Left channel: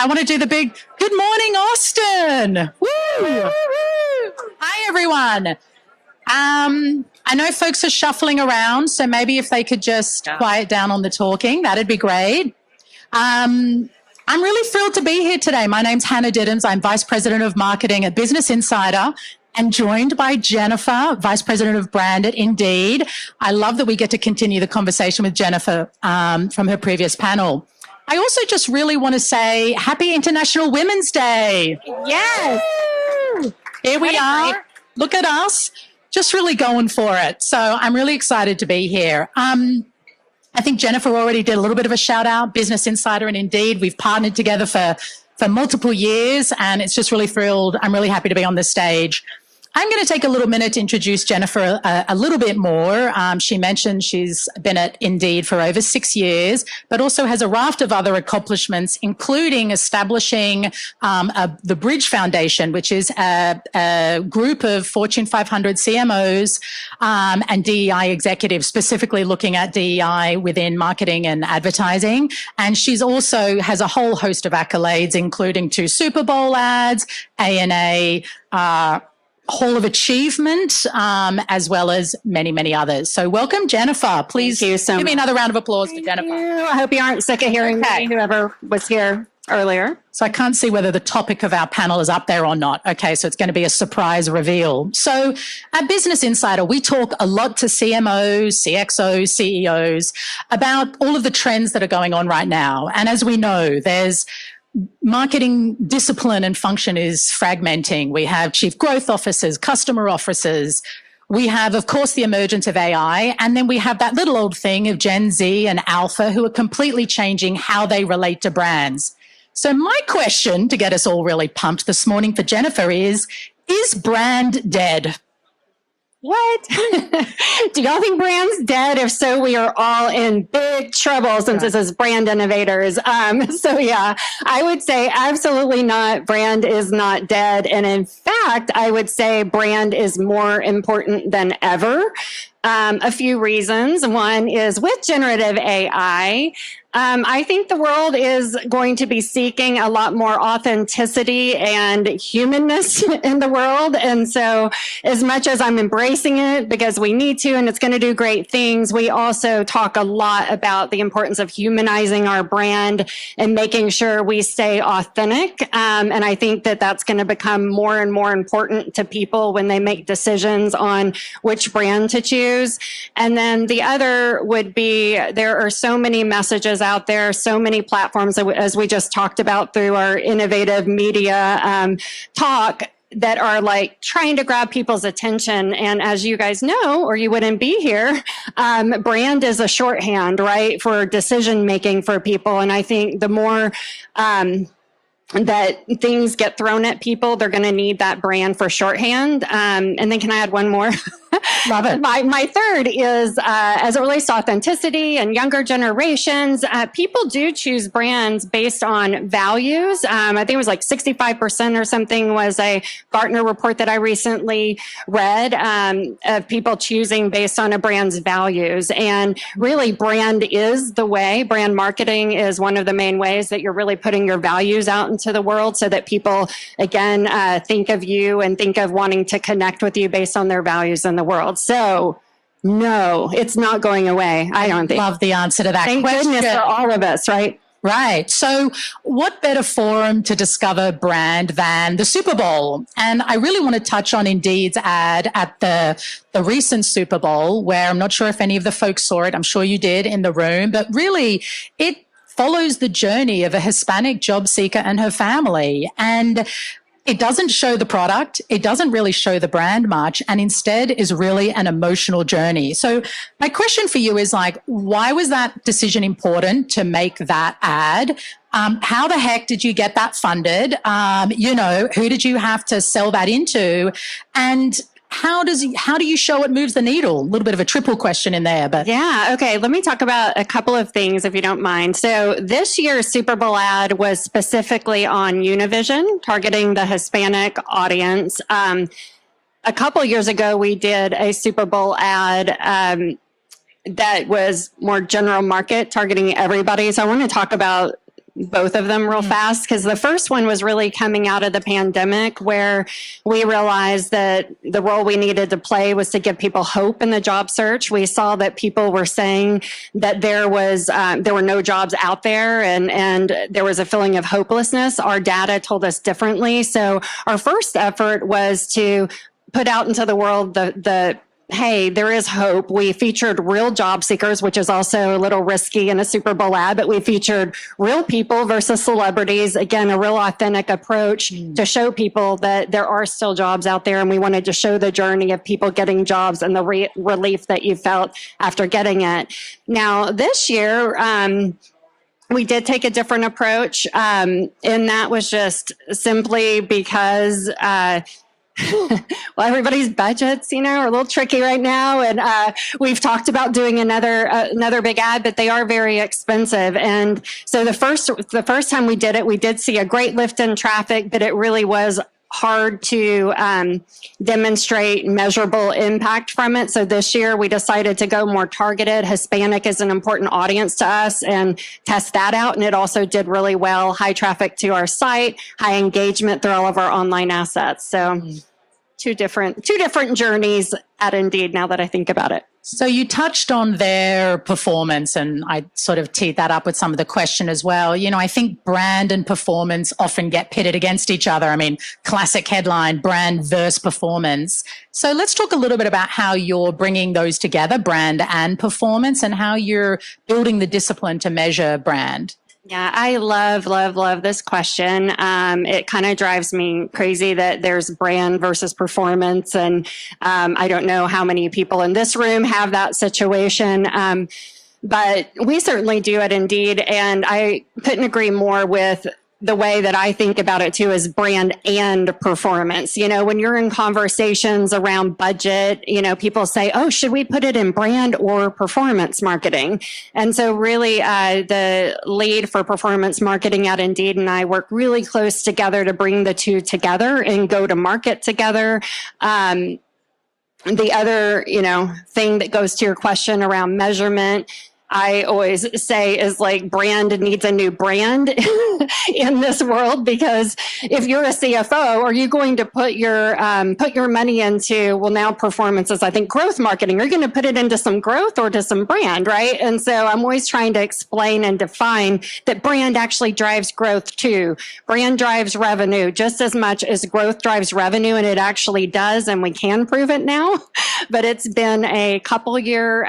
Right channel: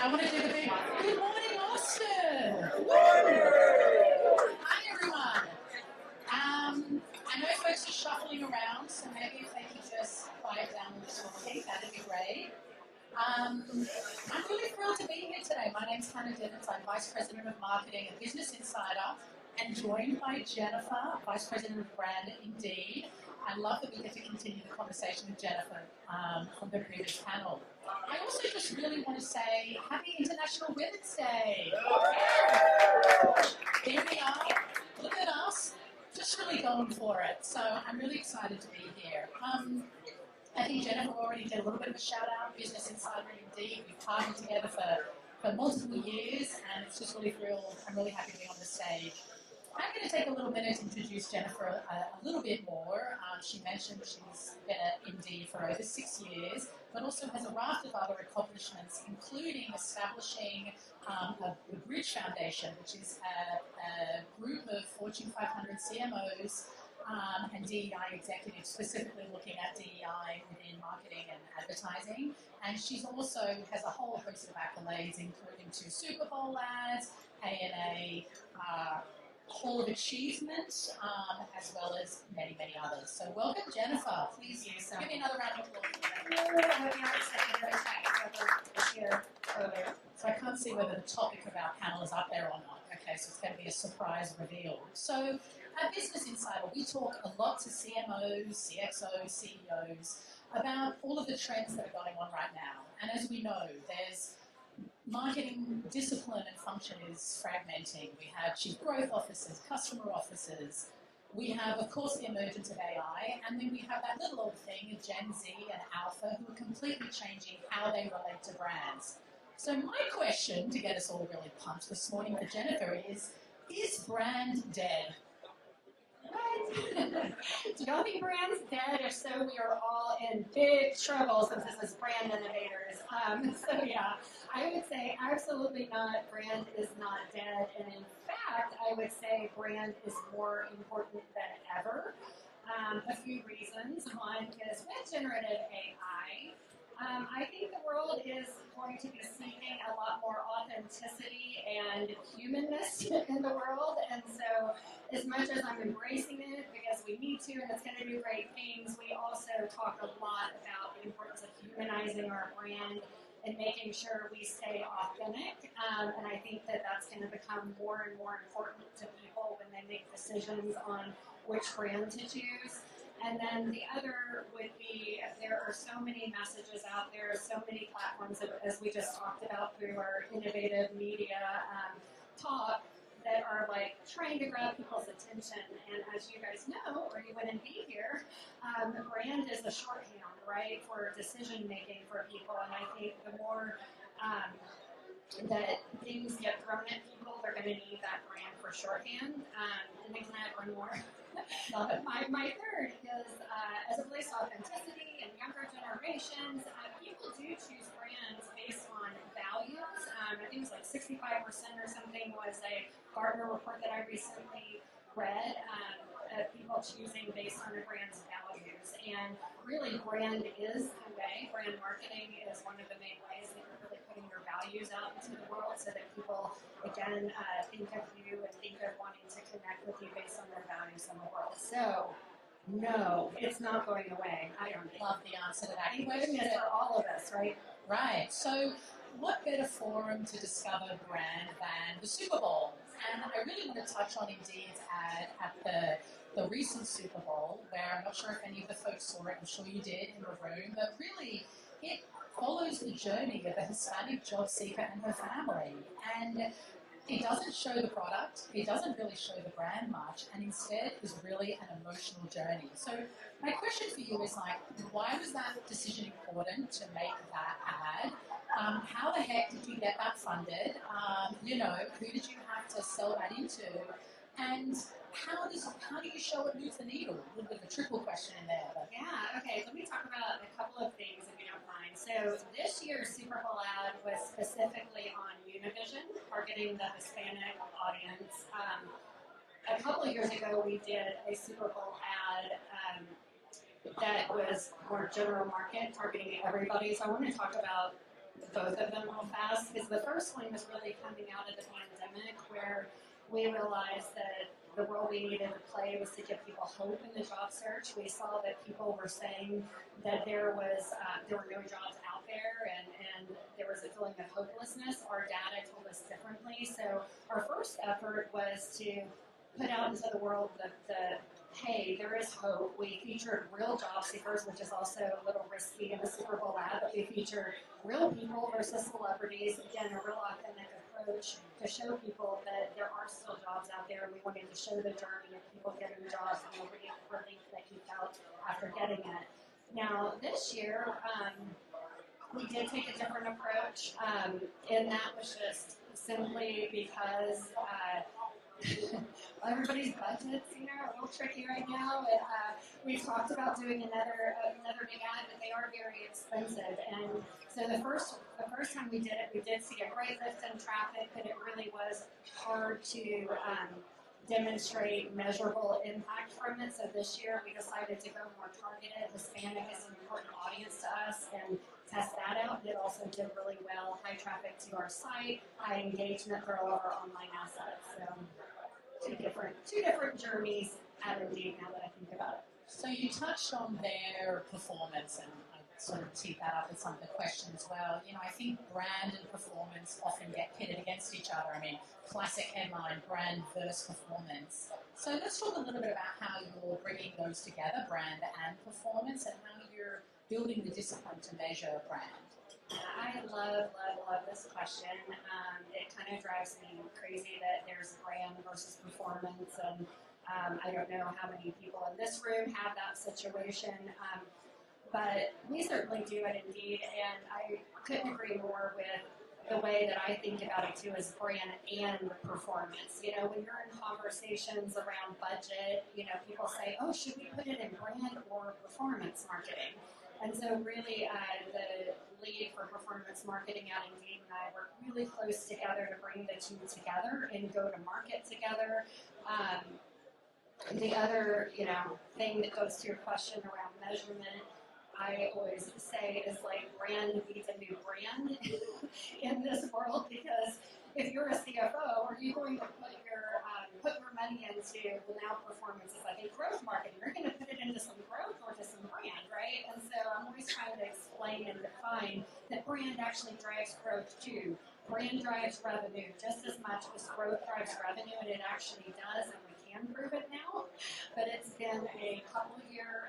I want to do the big good morning, Austin. Woo! Hi, everyone. I know folks are shuffling around, so maybe if they could just quiet down on the talking, that'd be great. I'm really thrilled to be here today. My name's Hannah Diddams. I'm Vice President of Marketing at Business Insider and joined by Jennifer, Vice President of Brand at Indeed. I love that we get to continue the conversation with Jennifer from her previous panel. I also just really want to say Happy International Women's Day. Yes. Here we are. Look at us. Just really going for it. So I'm really excited to be here. I think Jennifer already did a little bit of a shout out, Business Insider and Indeed. We've partnered together for multiple years, and it's just really thrilled. I'm really happy to be on this stage. I'm going to take a little minute to introduce Jennifer a little bit more. She mentioned she's been at Indeed for over 6 years, but also has a raft of other accomplishments, including establishing the Bridge Foundation, which is a group of Fortune 500 CMOs and DEI executives, specifically looking at DEI within marketing and advertising. And she's also has a whole host of accolades, including 2 Super Bowl ads, ANA, Hall of Achievement, as well as many, many others. So welcome, Jennifer. Please give me another round of applause for Jennifer. I hope you aren't sick of hearing me, whoever was here earlier. So I can't see whether the topic of our panel is up there or not. Okay, so it's going to be a surprise reveal. So at Business Insider, we talk a lot to CMOs, CXOs, CEOs about all of the trends that are going on right now. And as we know, there's marketing discipline and function is fragmenting. We have chief growth officers, customer officers. We have, of course, the emergence of AI. And then we have that little old thing of Gen Z and Alpha who are completely changing how they relate to brands. So my question to get us all really pumped this morning for Jennifer is brand dead? What? Do y'all think brand's dead? If so, we are all in big trouble since this is brand innovators. So yeah, I would say absolutely not. Brand is not dead. And in fact, I would say brand is more important than ever. A few reasons. One is with generative AI, I think the world is going to be seeking a lot more authenticity and humanness in the world. And so as much as I'm embracing it because we need to, and it's going to do great things, we also talk a lot about the importance of humanizing our brand and making sure we stay authentic. And I think that that's going to become more and more important to people when they make decisions on which brand to choose. And then the other would be there are so many messages out there, so many platforms, as we just talked about through our innovative media talk, that are like trying to grab people's attention. And as you guys know, or you wouldn't be here, brand is a shorthand, right, for decision making for people. And I think the more that things get thrown at people, they're going to need that brand for shorthand. And then can I add one more? Love it. My third is, as it relates to authenticity and younger generations, people do choose brands based on values. I think it was like 65% or something was a Gartner report that I recently read of people choosing based on a brand's values. And really, brand is the way. Brand marketing is one of the main ways that you're really putting your values out into the world so that people, again, think of you and think of wanting to connect with you based on their values in the world. So no, it's not going away. I don't think. Love the answer to that question. Thank goodness for all of us, right? Right. So what better forum to discover brand than the Super Bowl? And I really want to touch on Indeed's ad at the recent Super Bowl, where I'm not sure if any of the folks saw it. I'm sure you did in the room, but really it follows the journey of a Hispanic job seeker and her family. And it doesn't show the product. It doesn't really show the brand much, and instead is really an emotional journey. So my question for you is like, why was that decision important to make that ad? How the heck did you get that funded? Who did you have to sell that into? And how do you show it moves the needle? A little bit of a triple question in there, but yeah. Okay. Let me talk about a couple of things if you don't mind. So this year's Super Bowl ad was specifically on Univision, targeting the Hispanic audience. A couple years ago, we did a Super Bowl ad that was more general market, targeting everybody. So I want to talk about both of them real fast, because the first one was really coming out of the pandemic, where we realized that the role we needed to play was to give people hope in the job search. We saw that people were saying that there were no jobs out there, and there was a feeling of hopelessness. Our data told us differently. So our first effort was to put out into the world the hey, there is hope. We featured real job seekers, which is also a little risky in a Super Bowl ad, but we featured real people versus celebrities. Again, a real authentic approach to show people that there are still jobs out there. And we wanted to show the journey of people getting jobs and the relief that you felt after getting it. Now, this year, we did take a different approach. And that was just simply because well, everybody's budgets, are a little tricky right now. And we've talked about doing another big ad, but they are very expensive. And so the first time we did it, we did see a great lift in traffic, but it really was hard to demonstrate measurable impact from it. So this year we decided to go more targeted. Hispanic is an important audience to us, and test that out. And it also did really well. High traffic to our site, high engagement through all of our online assets. So two different journeys at Indeed, now that I think about it. So you touched on their performance, and I sort of teed that up with some of the question as well. I think brand and performance often get pitted against each other. I mean, classic headline, brand versus performance. So let's talk a little bit about how you're bringing those together, brand and performance, and how you're building the discipline to measure brand. Yeah, I love this question. It kind of drives me crazy that there's brand versus performance. And I don't know how many people in this room have that situation. But we certainly do at Indeed. And I couldn't agree more with the way that I think about it too, is brand and performance. When you're in conversations around budget, people say, oh, should we put it in brand or performance marketing? And so really the lead for performance marketing at Indeed and I work really close together to bring the two together and go to market together. The other, thing that goes to your question around measurement, I always say is like brand needs a new brand in this world, because if you're a CFO, are you going to put your money into, well, now performance is, I think, growth marketing. You're going to put it into some growth or to some brand, right? And so I'm always trying to explain and define that brand actually drives growth too. Brand drives revenue just as much as growth drives revenue, and it actually does, and we can prove it now. But it's been a couple year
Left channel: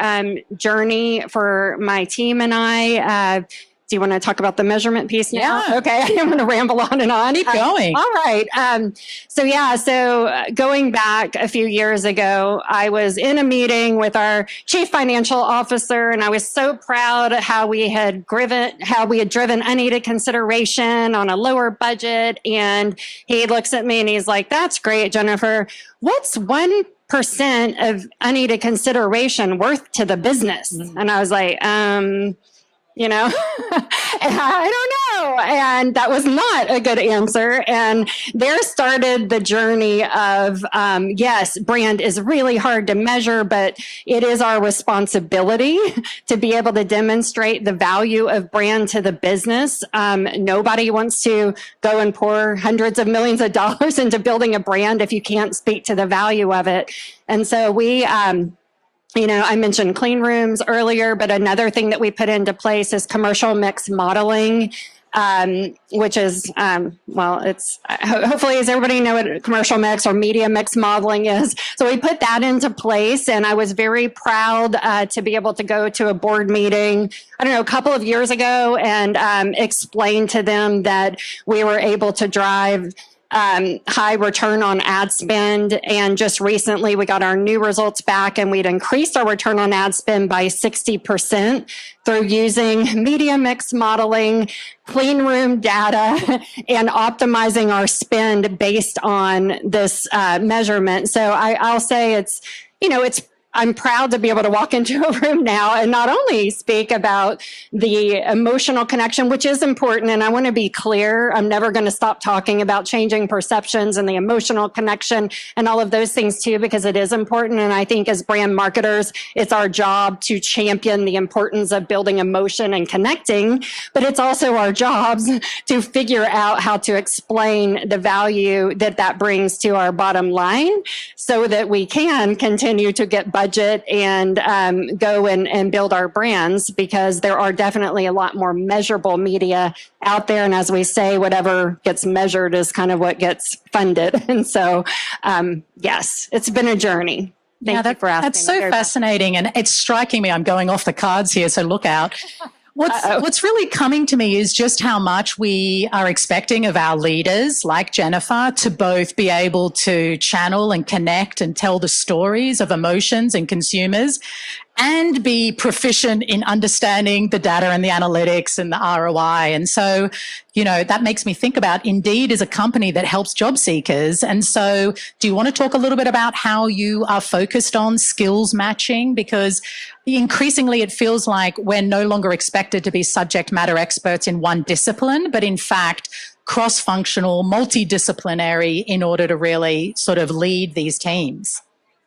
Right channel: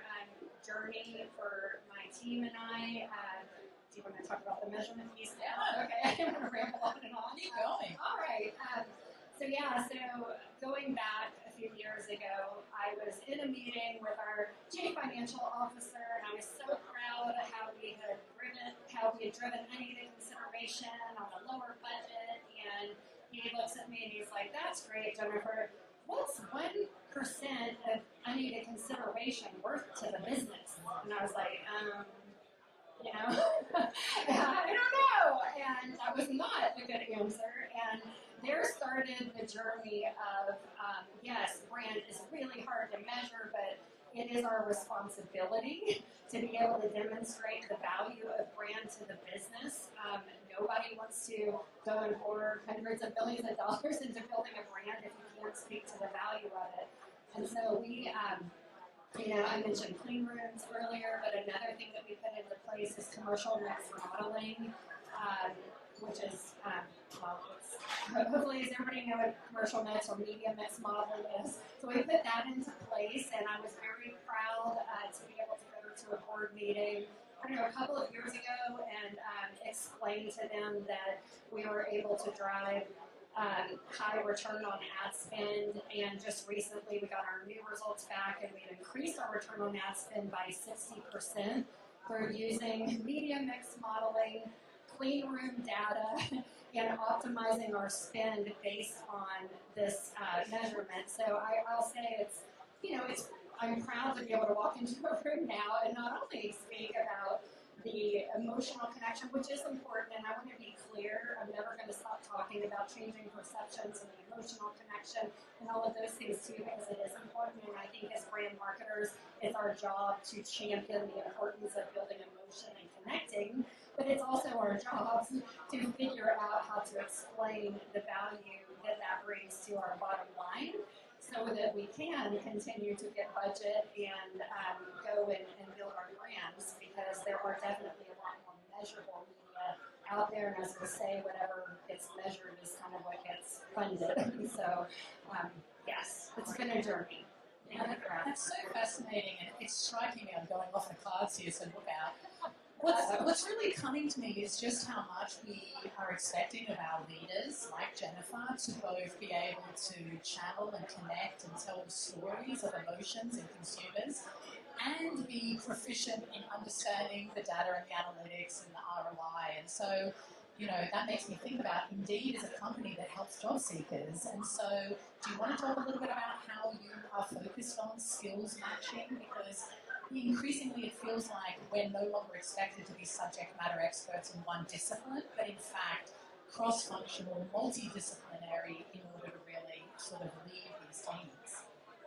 journey for my team and I. Do you want to talk about the measurement piece now? Yeah. Okay, I'm going to ramble on and on. Keep going. All right. So going back a few years ago, I was in a meeting with our chief financial officer, and I was so proud how we had driven unaided consideration on a lower budget. And he looks at me and he's like, "That's great, Jennifer. What's 1% of unaided consideration worth to the business?" And I was like, I don't know. And that was not a good answer. And there started the journey of, yes, brand is really hard to measure, but it is our responsibility to be able to demonstrate the value of brand to the business. Nobody wants to go and pour hundreds of millions of dollars into building a brand if you can't speak to the value of it. And so we, I mentioned clean rooms earlier, but another thing that we put into place is commercial mix modeling, which is, hopefully, does everybody know what commercial mix or media mix modeling is? So we put that into place, and I was very proud to be able to go to a board meeting, a couple of years ago, and explain to them that we were able to drive high return on ad spend. And just recently we got our new results back, and we'd increased our return on ad spend by 60% through using media mix modeling, clean room data, and optimizing our spend based on this measurement. So I'll say it's I'm proud to be able to walk into a room now and not only speak about the emotional connection, which is important. And I want to be clear, I'm never going to stop talking about changing perceptions and the emotional connection and all of those things too, because it is important. And I think as brand marketers, it's our job to champion the importance of building emotion and connecting, but it's also our jobs to figure out how to explain the value that that brings to our bottom line so that we can continue to get budget and go and build our brands, because there are definitely a lot more measurable media out there. And as we say, whatever gets measured is kind of what gets funded. And so, yes, it's been a journey. Thank you for asking. That's so fascinating. And it's striking me. I'm going off the cards here, so look out. What's really coming to me is just how much we are expecting of our leaders, like Jennifer, to both be able to channel and connect and tell the stories of emotions and consumers, and be proficient in understanding the data and the analytics and the ROI. And so, that makes me think about Indeed as a company that helps job seekers. And so do you want to talk a little bit about how you are focused on skills matching? Because increasingly it feels like we're no longer expected to be subject matter experts in one discipline, but in fact, cross-functional, multidisciplinary in order to really sort of lead these teams.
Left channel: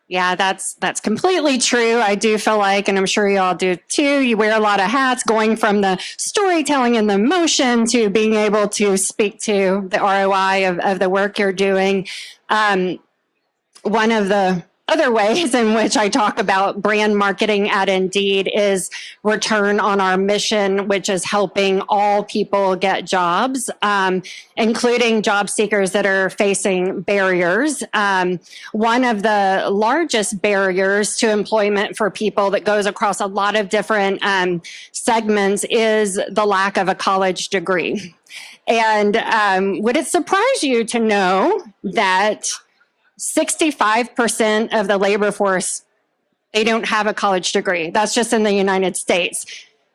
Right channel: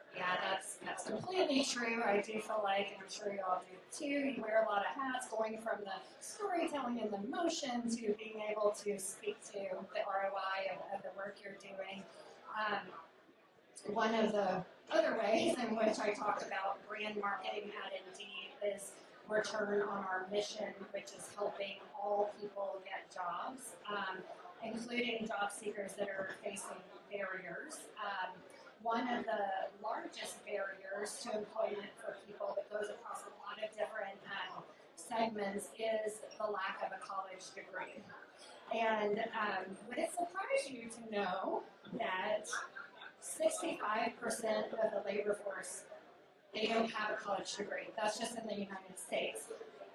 Yeah, that's completely true. I do feel like, and I'm sure you all do too, you wear a lot of hats, going from the storytelling and the emotion to being able to speak to the ROI of the work you're doing. One of the other ways in which I talk about brand marketing at Indeed is return on our mission, which is helping all people get jobs, including job seekers that are facing barriers. One of the largest barriers to employment for people that goes across a lot of different segments is the lack of a college degree. And would it surprise you to know that 65% of the labor force, they don't have a college degree? That's just in the United States.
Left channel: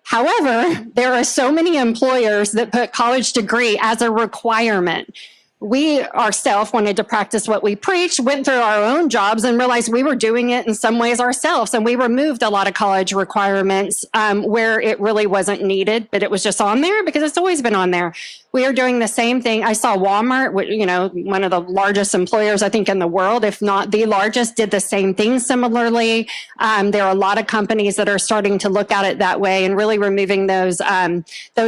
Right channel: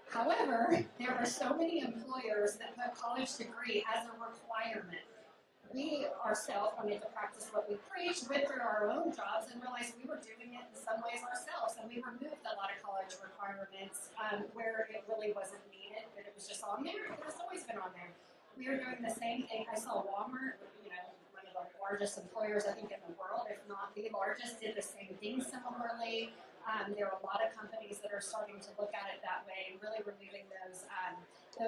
However, there are so many employers that put college degree as a requirement. We ourselves wanted to practice what we preach, went through our own jobs and realized we were doing it in some ways ourselves. And we removed a lot of college requirements where it really wasn't needed, but it was just on there because it's always been on there. We are doing the same thing. I saw Walmart, one of the largest employers, I think, in the world, if not the largest, did the same thing similarly. There are a lot of companies that are starting to look at it that way and really removing those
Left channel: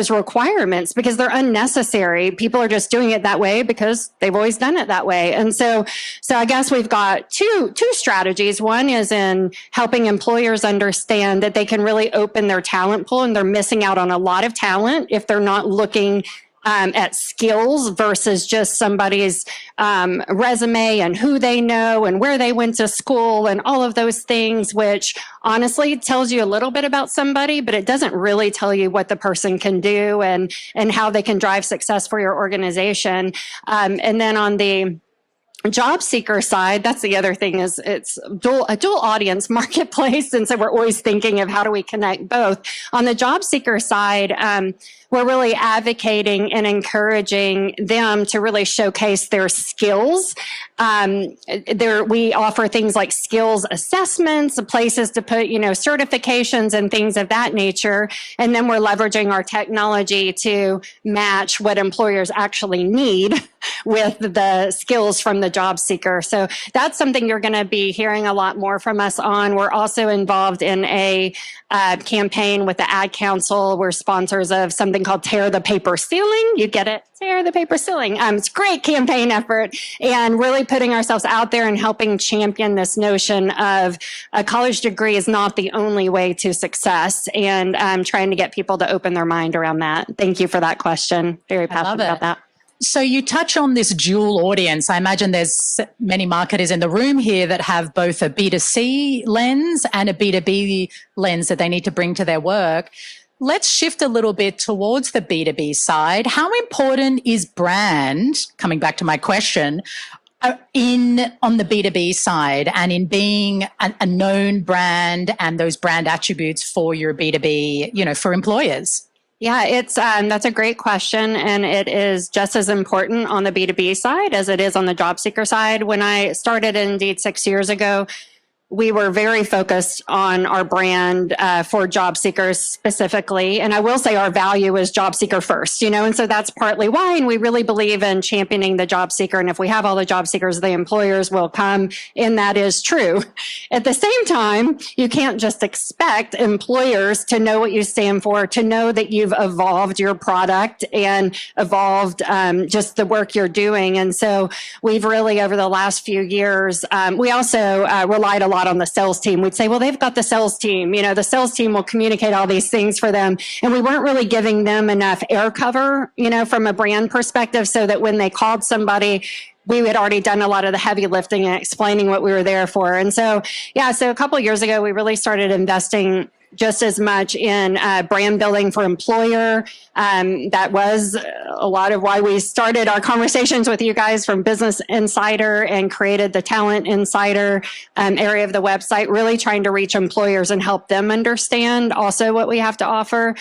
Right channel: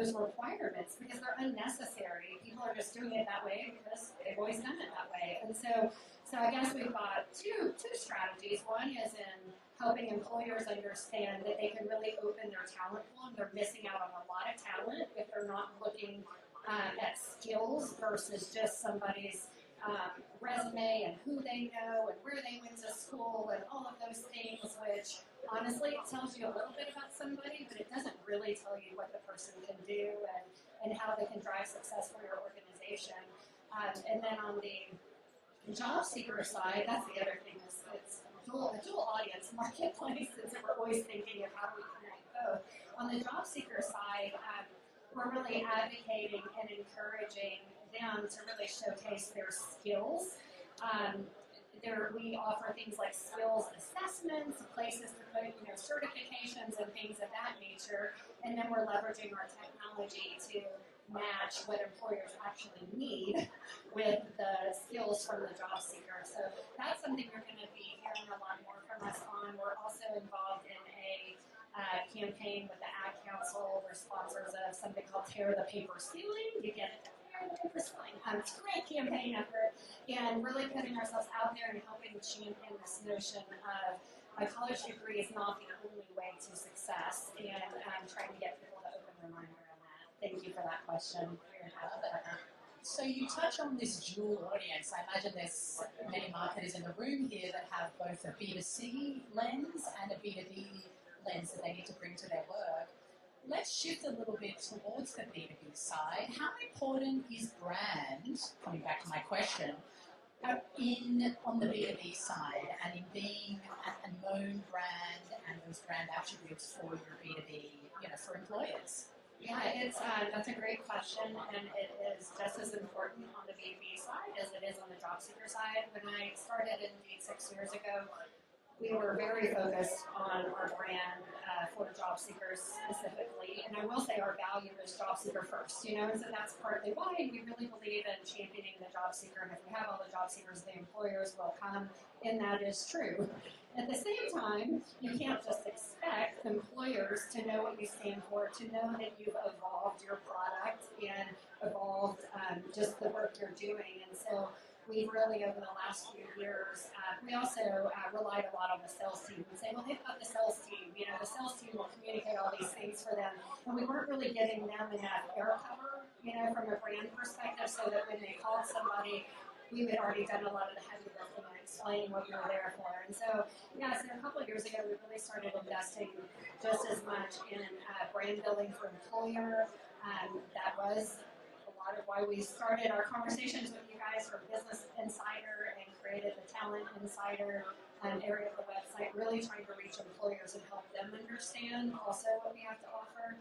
requirements because they're unnecessary. People are just doing it that way because they've always done it that way. And so I guess we've got two strategies. One is in helping employers understand that they can really open their talent pool, and they're missing out on a lot of talent if they're not looking at skills versus just somebody's resume and who they know and where they went to school and all of those things, which honestly tells you a little bit about somebody, but it doesn't really tell you what the person can do and how they can drive success for your organization. And then on the job seeker side, that's the other thing, is it's a dual audience marketplace. And so we're always thinking of how do we connect both. On the job seeker side, we're really advocating and encouraging them to really showcase their skills. We offer things like skills assessments, places to put, certifications and things of that nature. And then we're leveraging our technology to match what employers actually need with the skills from the job seeker. So that's something you're going to be hearing a lot more from us on. We're also involved in a campaign with the Ad Council. We're sponsors of something called Tear the Paper Ceiling. You get it? Tear the Paper Ceiling. It's a great campaign effort, and really putting ourselves out there and helping champion this notion of a college degree is not the only way to success, and trying to get people to open their mind around that. Thank you for that question. Very passionate about that. So you touch on this dual audience. I imagine there's many marketers in the room here that have both a B2C lens and a B2B lens that they need to bring to their work. Let's shift a little bit towards the B2B side. How important is brand, coming back to my question, on the B2B side and in being a known brand and those brand attributes for your B2B, for employers? Yeah, that's a great question, and it is just as important on the B2B side as it is on the job seeker side. When I started Indeed 6 years ago, we were very focused on our brand for job seekers specifically. And I will say our value is job seeker first, and so that's partly why. And we really believe in championing the job seeker. And if we have all the job seekers, the employers will come. And that is true. At the same time, you can't just expect employers to know what you stand for, to know that you've evolved your product and evolved just the work you're doing. And so we've really, over the last few years, we also relied a lot on the sales team. We'd say, well, they've got the sales team. The sales team will communicate all these things for them. And we weren't really giving them enough air cover, from a brand perspective, so that when they called somebody, we had already done a lot of the heavy lifting and explaining what we were there for. And so, so a couple of years ago, we really started investing just as much in brand building for employer. That was a lot of why we started our conversations with you guys from Business Insider and created the Talent Insider area of the website, really trying to reach employers and help them understand also what we have to offer.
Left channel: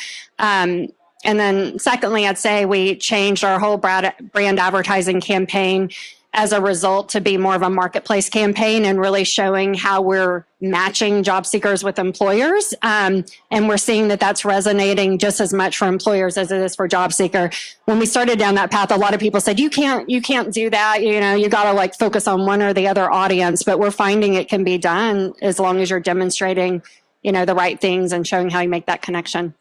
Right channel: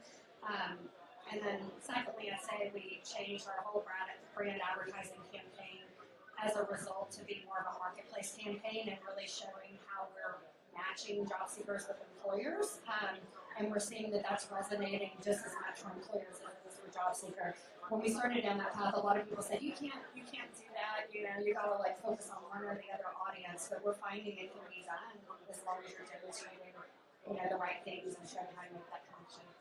And then secondly, I'd say we changed our whole brand advertising campaign as a result to be more of a marketplace campaign and really showing how we're matching job seekers with employers. And we're seeing that that's resonating just as much for employers as it is for job seeker. When we started down that path, a lot of people said, you can't do that. You got to like focus on one or the other audience, but we're finding it can be done as long as you're demonstrating, the right things and showing how you make that connection.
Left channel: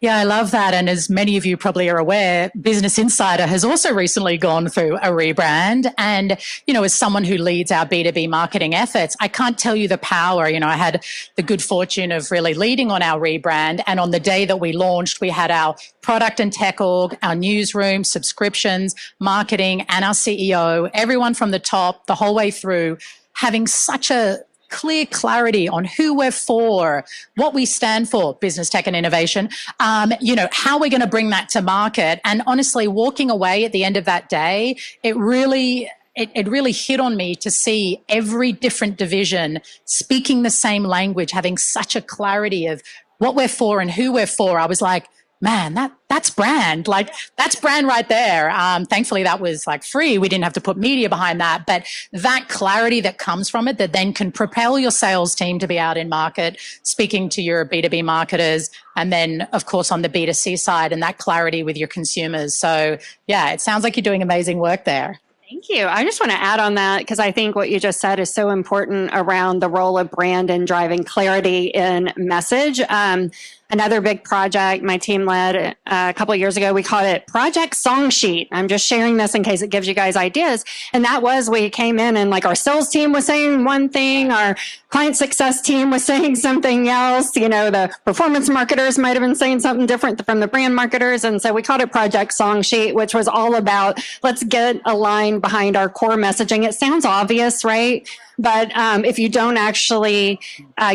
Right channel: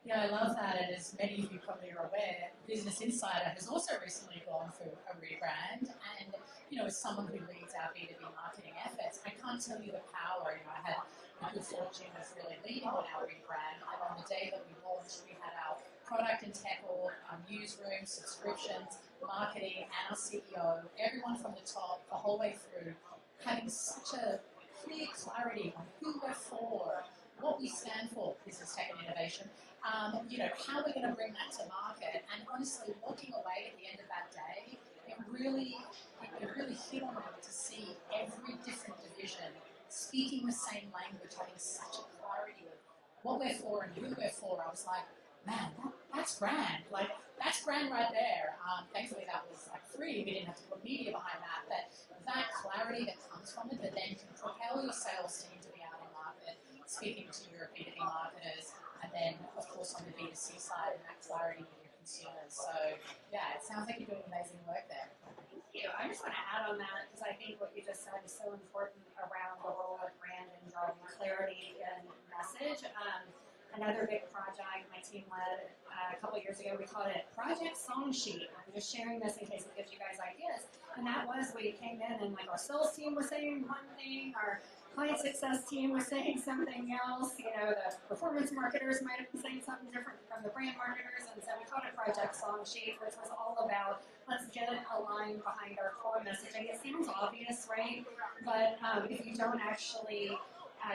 Yeah, I love that. And as many of you probably are aware, Business Insider has also recently gone through a rebrand. And, as someone who leads our B2B marketing efforts, I can't tell you the power. I had the good fortune of really leading on our rebrand. And on the day that we launched, we had our product and tech org, our newsroom, subscriptions, marketing, and our CEO, everyone from the top, the whole way through, having such a clear clarity on who we're for, what we stand for, business, tech, and innovation, how we're going to bring that to market. And honestly, walking away at the end of that day, it really hit on me to see every different division speaking the same language, having such a clarity of what we're for and who we're for. I was like, man, that's brand. Like, that's brand right there. Thankfully, that was like free. We didn't have to put media behind that. But that clarity that comes from it, that then can propel your sales team to be out in market, speaking to your B2B marketers, and then, of course, on the B2C side, and that clarity with your consumers. So, yeah, it sounds like you're doing amazing work there. Thank you. I just want to add on that because I think what you just said is so important around the role of brand and driving clarity in message. Another big project my team led a couple of years ago, we called it Project Song Sheet. I'm just sharing this in case it gives you guys ideas. And that was, we came in and like our sales team was saying one thing, our client success team was saying something else. The performance marketers might have been saying something different from the brand marketers. And so we called it Project Song Sheet, which was all about, let's get aligned behind our core messaging. It sounds obvious, right? But if you don't actually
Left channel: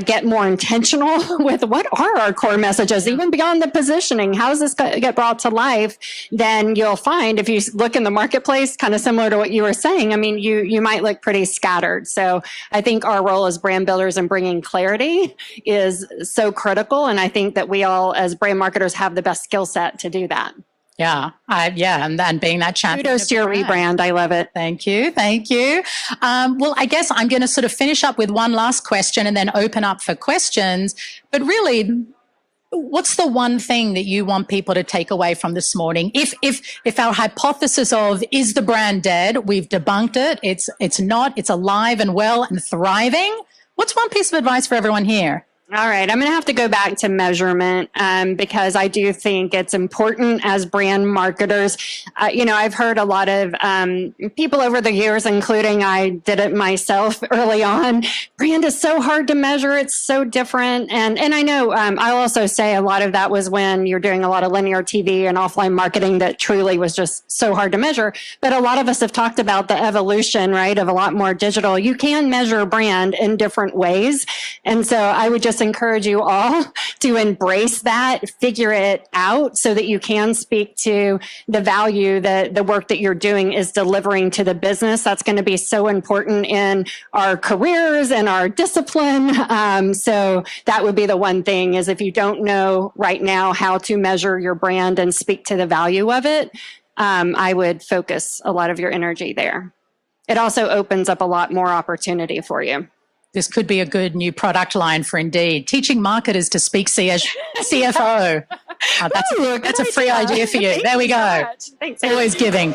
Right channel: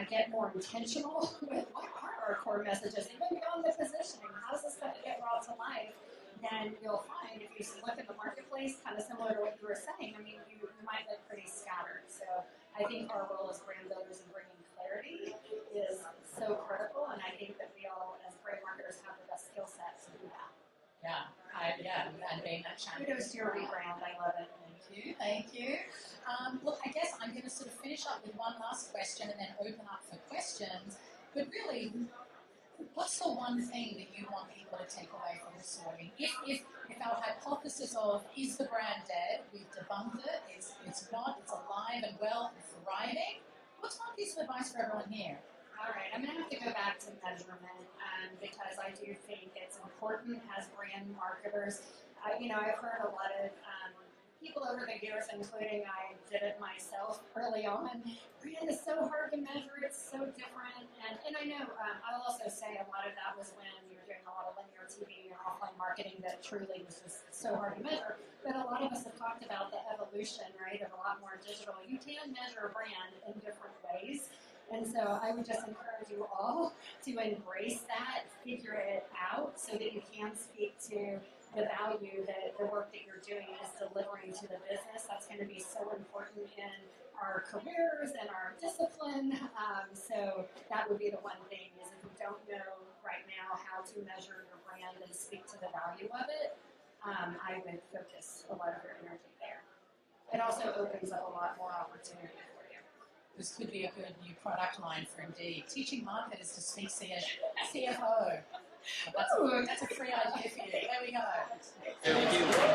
get more intentional with what are our core messages, even beyond the positioning, how does this get brought to life, then you'll find if you look in the marketplace, kind of similar to what you were saying, you might look pretty scattered. So I think our role as brand builders and bringing clarity is so critical. And I think that we all as brand marketers have the best skill set to do that. Yeah, and being that champion. Kudos to your rebrand. I love it. Thank you. Well, I guess I'm going to sort of finish up with one last question and then open up for questions. But really, what's the one thing that you want people to take away from this morning? If our hypothesis of is the brand dead, we've debunked it. It's not. It's alive and well and thriving. What's one piece of advice for everyone here? All right, I'm going to have to go back to measurement because I do think it's important as brand marketers. I've heard a lot of people over the years, including I did it myself early on. Brand is so hard to measure. It's so different. And I know I'll also say a lot of that was when you're doing a lot of linear TV and offline marketing that truly was just so hard to measure. But a lot of us have talked about the evolution, right, of a lot more digital. You can measure brand in different ways. And so I would just encourage you all to embrace that, figure it out so that you can speak to the value that the work that you're doing is delivering to the business. That's going to be so important in our careers and our discipline. So that would be the one thing is if you don't know right now how to measure your brand and speak to the value of it, I would focus a lot of your energy there. It also opens up a lot more opportunity for you. this could be a good new product line for Indeed. Teaching marketers to speak CFO. That's a free idea for you. There we go. Thanks. Always giving.